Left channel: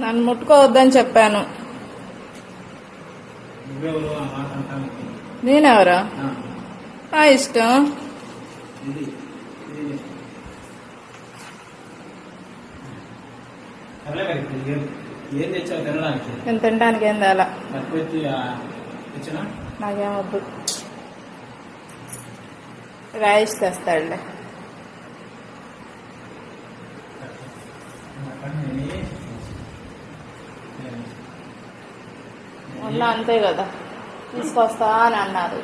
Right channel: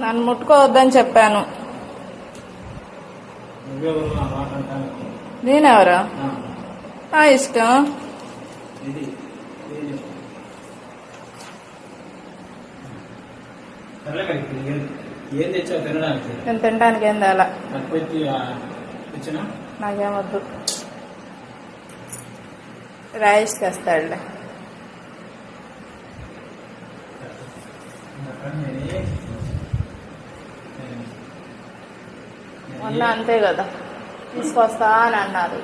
నన్ను ముట్టుకోవద్దని చెప్పాను. నేనెవరా? నా ఇష్టం. ఏం తెచ్చావు తినడానికి? నేను తినడానికి ఏం తేలా. నాకేమొద్దు రైస్ తెస్తాడులే మొన్న అంతే కదా. తీసుకొస్తా అని అన్నారు.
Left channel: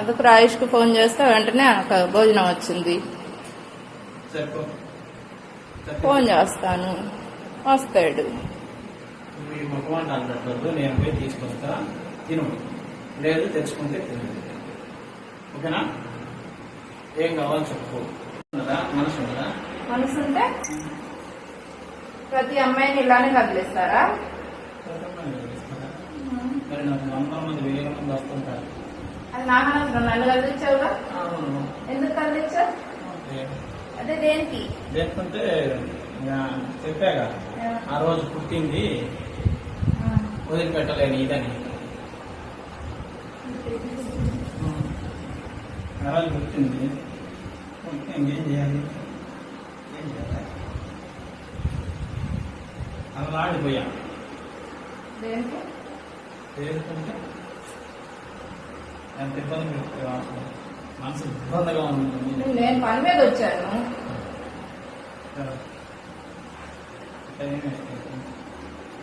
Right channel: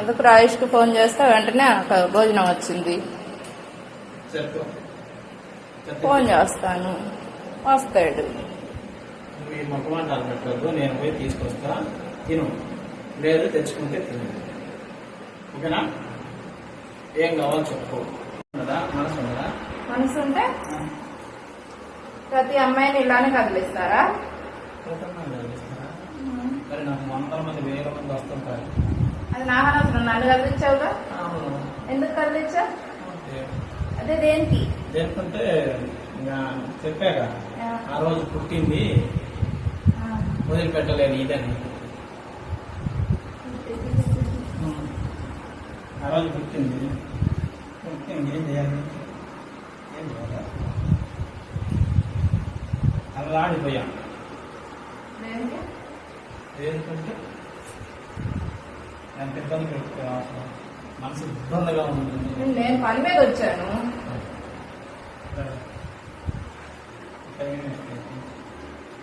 ఎందుకు రాయిష్కి ఫోన్ చేస్తే వెంటనే భోజనం వచ్చింది. ఫోన్ చేస్తాను. వస్తాడు. నేను పోయి తీసుకొస్తా. తిను. లేదు తెచ్చుకుంటే తిను. ఓకేనా? ఏం కావాలో చెప్పు? మనసు మనసు ఉంటే ప్రతి అమ్మాయిని ఇలానే కదిలిస్తారా? మరి నాకు వందల మంది వేల మంది వస్తుంటారు. అది నాకు అనవసరం నన్ను కదిలించావుగా ఎందుకు కదిలించావు అదే దేనికి? దేనికంటే చెప్పాగా. ఆ రోజు పుట్టింది. వదిలిపెట్టలేని ఇదని. ఆ రోజు పుట్టింది. పుట్టింది. ఏం చేయాలి? ఏం చేయాలి? అలా ఆడిపోయా. ఏంటంటే ఎంత ఇబ్బంది పెట్టుకోవాలి మనసు ఇబ్బందిగా ఉంది. నేను పని మీద వచ్చాను.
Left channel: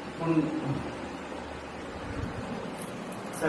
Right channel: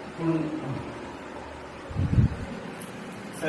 ఇప్పుడు